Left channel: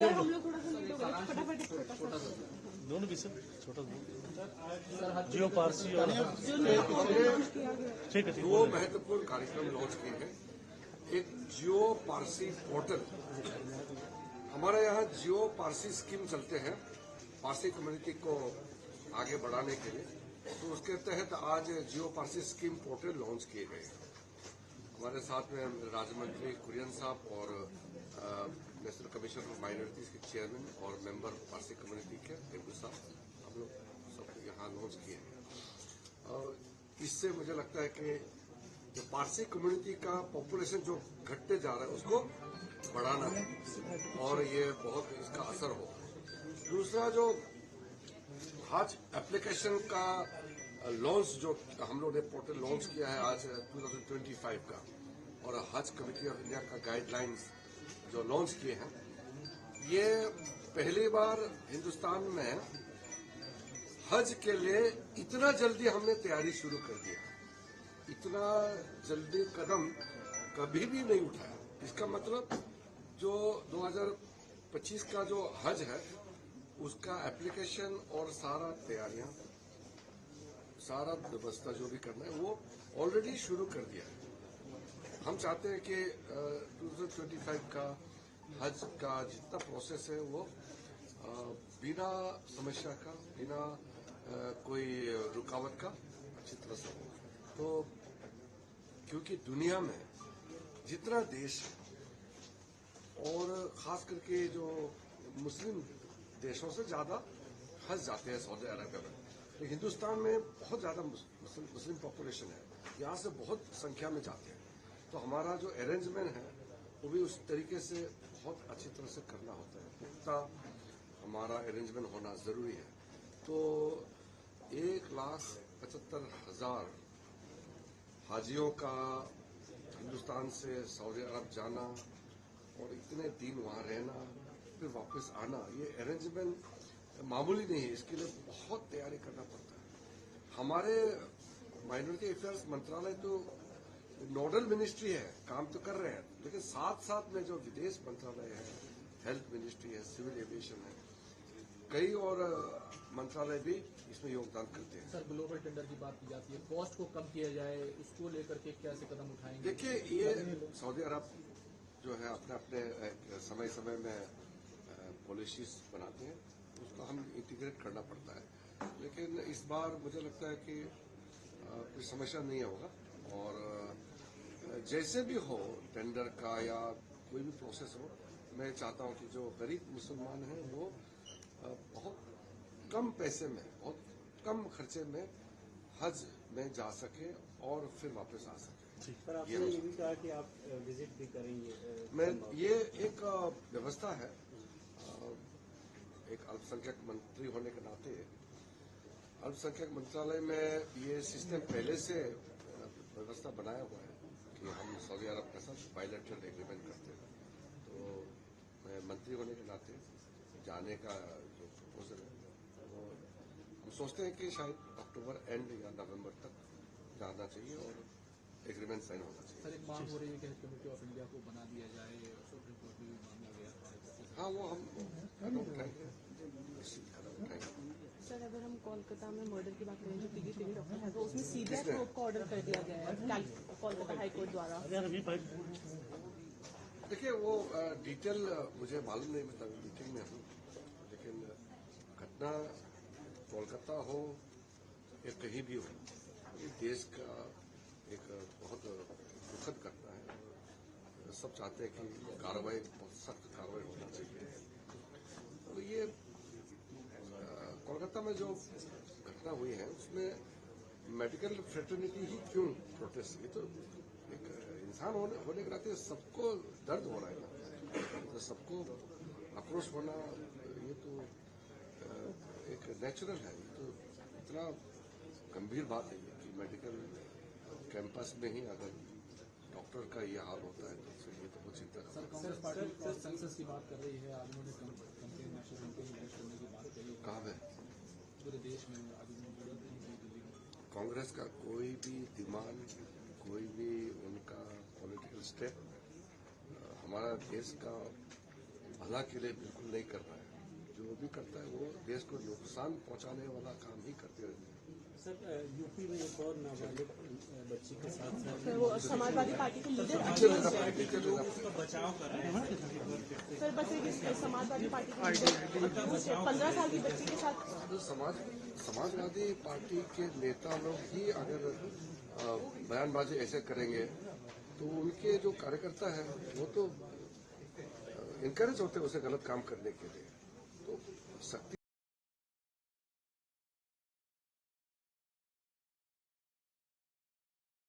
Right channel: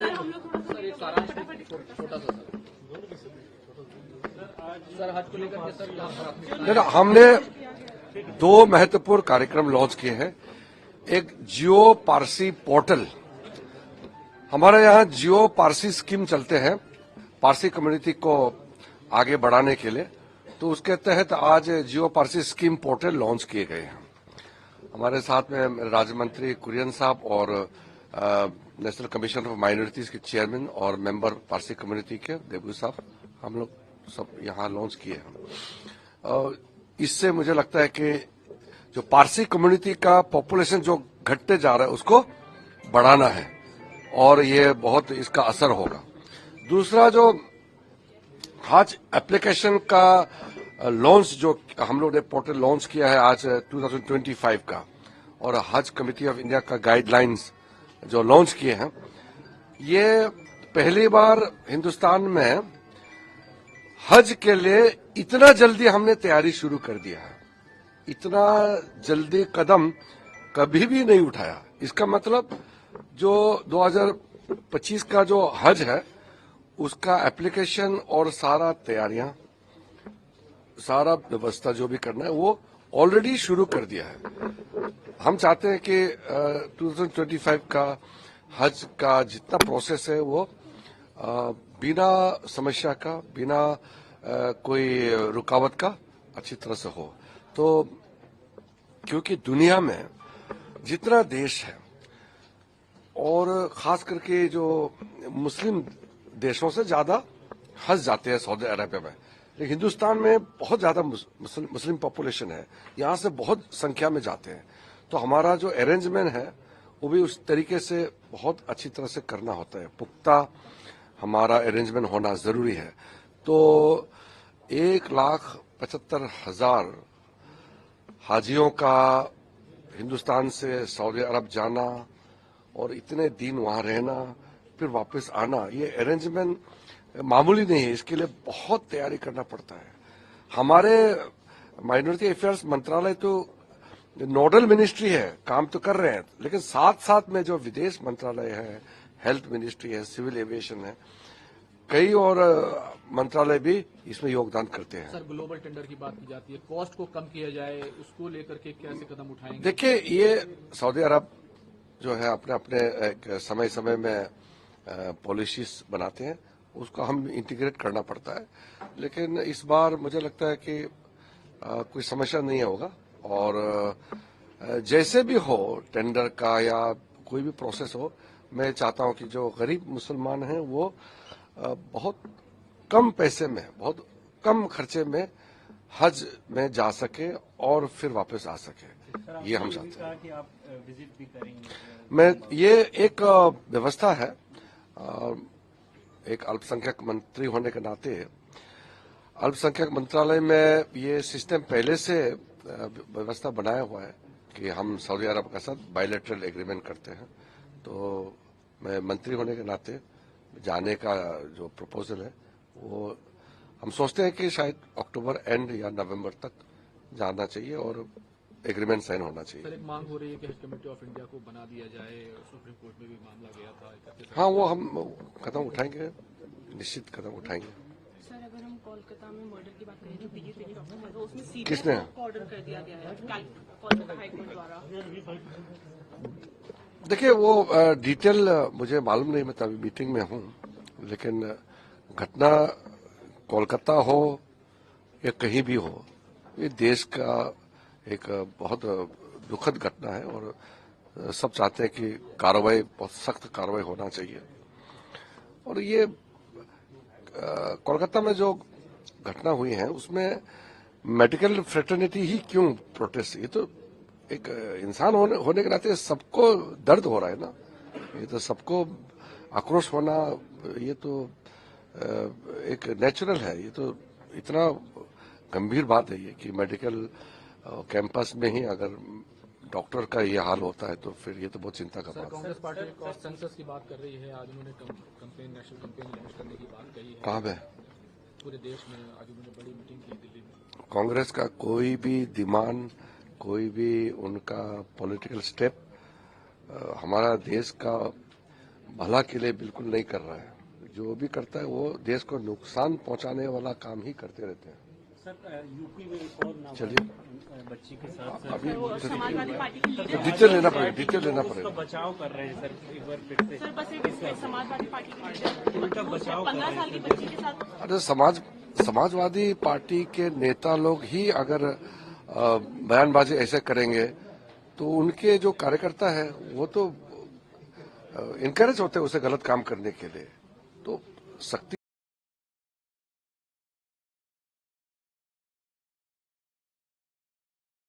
छोटा सा हमने दो महत्वपूर्ण कार्यक्रम लॉन्च किए हैं। एक जियो पारसी पोर्टल, हमारे यहाँ जियो पारसी स्कीम चलते हैं पारसी कम्युनिटी को आगे बढ़ाने के लिए, तो उसके तहत आज जियो पारसी स्कीम पोर्टल लॉन्च किए गए हैं। हमारे साथ में राज्य मंत्री कुरियन साहब और नेशनल कमीशन ऑफ माइनॉरिटीज के चेयरमैन और मेंबर पारसी कम्युनिटी के देवगू साहब, हम लोग सब यहाँ लॉन्च किए हैं। इससे मुझे लगता है कि जो पारसी कम्युनिटी का पॉपुलेशन जो घटते जा रहा है उसको बढ़ाना है और ये बहुत इसका असर होगा। दूसरा, जो हज एप्लीकेशन का लॉन्च जो हम लोग ने पोर्टल लॉन्च किया है आज 2025 का, और हज कमेटी ऑफ इंडिया का गाइडलाइंस जो लॉन्च किए हैं, ये पहली बार हिंदुस्तान में हज के लिए इतना जल्दी हमने तैयारी शुरू कर दिया है। इतना जल्दी कदम कभी भी नहीं उठाया। इसका मतलब जो 2025 का जो हज है उसका एप्लीकेशन और सारा तैयारियां, सारा व्यवस्था जो भी करना है वो ऑलरेडी शुरू कर दिया है। हम चाहते हैं कि 2025 का हज का जितना प्रोसेस है वो बिना समस्या का, बिना कोई रुकावट का अच्छी तरह से हो। तो क्योंकि दुनिया में जितना देश है और खास करके जो मुस्लिम देशों से ज्यादा हज जाते हैं सऊदी अरबिया में, लेकिन हिंदुस्तान में बहुत ज्यादा मुस्लिम पॉपुलेशन है, यहाँ से बहुत संख्या में जाते हैं। तो हमारा जो अरेंजमेंट है वो भी उस तरीके से बहुत अच्छी तरह से करना होता है, पुख्ता हमारा अरेंजमेंट होना जरूरी है। तो 1,75,000 हाजियों का हिंदुस्तान से सऊदी अरब जाना और इतने दिन वहां रहना फिर वापस आना, ये अरेंजमेंट मामूली नहीं है। इसके लिए बहुत तैयारी करना पड़ता है। हमारे माइनॉरिटी अफेयर्स मंत्रालय तो नोडल मिनिस्ट्री है, काम तो कर रहे हैं, लेकिन साथ साथ में जो विदेश मंत्रालय है, हेल्थ मिनिस्ट्री है, सिविल एविएशन है, कई और मंत्रालय भी इसमें योगदान करते हैं। सर, ग्लोबल टेंडर की बात की जाती है, कॉस्ट को कम किया जाए, उसको लेकर के कैसे कदम उठाएंगे? देखिए, ये सऊदी अरब जो है अपने अपने एक समय समय में पॉलिसीज बनाते हैं, उसको हम इंटीग्रेट करना पड़ता है। लेकिन इस बार मुझे लगता है कि कोई समस्या नहीं होगा, और जैसे भी हो टेंडर का या कोई भी प्रोसेस हो, मैं चाहता हूं कि जो गरीब मुसलमान हैं वो बहुत कम पैसे में, बहुत कम खर्चे में हज में जा सके और फिर वापस आ सके। ये हम चाहते हैं कि आप विजिट भी करेंगे। मैं ये एक व्यवस्था है, एक अल्पसंख्यक मंत्री होने के नाते अल्पसंख्यक मंत्रालय में ये सिस्टम पहले से व्यवस्था बनाया हुआ है कि हम सऊदी अरब के साथ बायलैटरल एग्रीमेंट करते हैं। तो मैं मंत्री होने के नाते जाने का जो प्रपोजल है वो हम सोचते हैं कि शायद अक्टूबर एंड या नवंबर तक जाना चाहिए और एग्रीमेंट साइन होना चाहिए। सर, एक मांग हो रही है कि हज कमेटी ऑफ इंडिया को बना दिया जाए, सुप्रीम कोर्ट में भी मामला गया था। हाँ, वो हम कदम उठाएंगे, निश्चित कदम उठाएंगे। सर, अगर हम कोलकाता में मर्डर की बात करें जो पीजीपी डॉक्टर है, तो उसमें सीबीआई किसने को ऑर्डर कर दिया गया है कोलकाता हाई कोर्ट द्वारा। देखिए, वो डिटेल मुझे मालूम नहीं, मैं तभी मीटिंग में हूँ, लेकिन घटना कोलकाता हो या कहीं भी हो, ये देश का एक बहुत दुखद घटना है और सब चाहते हैं कि कार्रवाई, बहुत सख्त कार्रवाई होना चाहिए। और ये कोलकाता में जो घटना हुई है उसमें मेडिकल फ्रेटर्निटी ही क्यों प्रोटेस्ट, ये तो एक इंसान होने के नाते सबको दर्द हो रहा है ना, ये तो सबको आक्रोश होना, ये तो एक नेचुरल है। ये तो इतना गंभीर बात है ये कि मेडिकल कैंपस में ही अगर डॉक्टर का ये हाल होता है तो फिर ये तो बहुत चिंता का बात है। कांग्रेस पार्टी कॉस्ट सेंसस की बात कर रही है, आज उन्होंने कंपेन, नेशनल कंपेन लॉन्च करने की बात कही है। कहाँ पे? पूरे देश में आज उन्होंने बड़ी मीटिंग की दिल्ली में। कांग्रेस का कोई भी डिमांड, कोई भी उनका पॉलिटिकल स्टेप हमारा देश का भला के लिए बिल्कुल नहीं कर रहा है। जो भी करता है वो देश को नुकसान पहुंचाने वाला काम ही करते रहते हैं। सर यूपी में एक और चलिए बच्ची के साथ सर वो समाजवादी पार्टी के लीडर डिटेल लेना पड़ेगा। बचाव कर रहे हैं सर, एक बार फिर से सर बस एक समाजवादी पार्टी के लीडर 15 साल की बच्ची के साथ अरे समाजवादी पार्टी के नेता लोग ही अगर बयानबाजी ऐसे करेंगे तो उनके जो कार्यकर्ता है वो तो इनकरेज होते हैं उसे गलत काम करने के लिए। तो सख्ती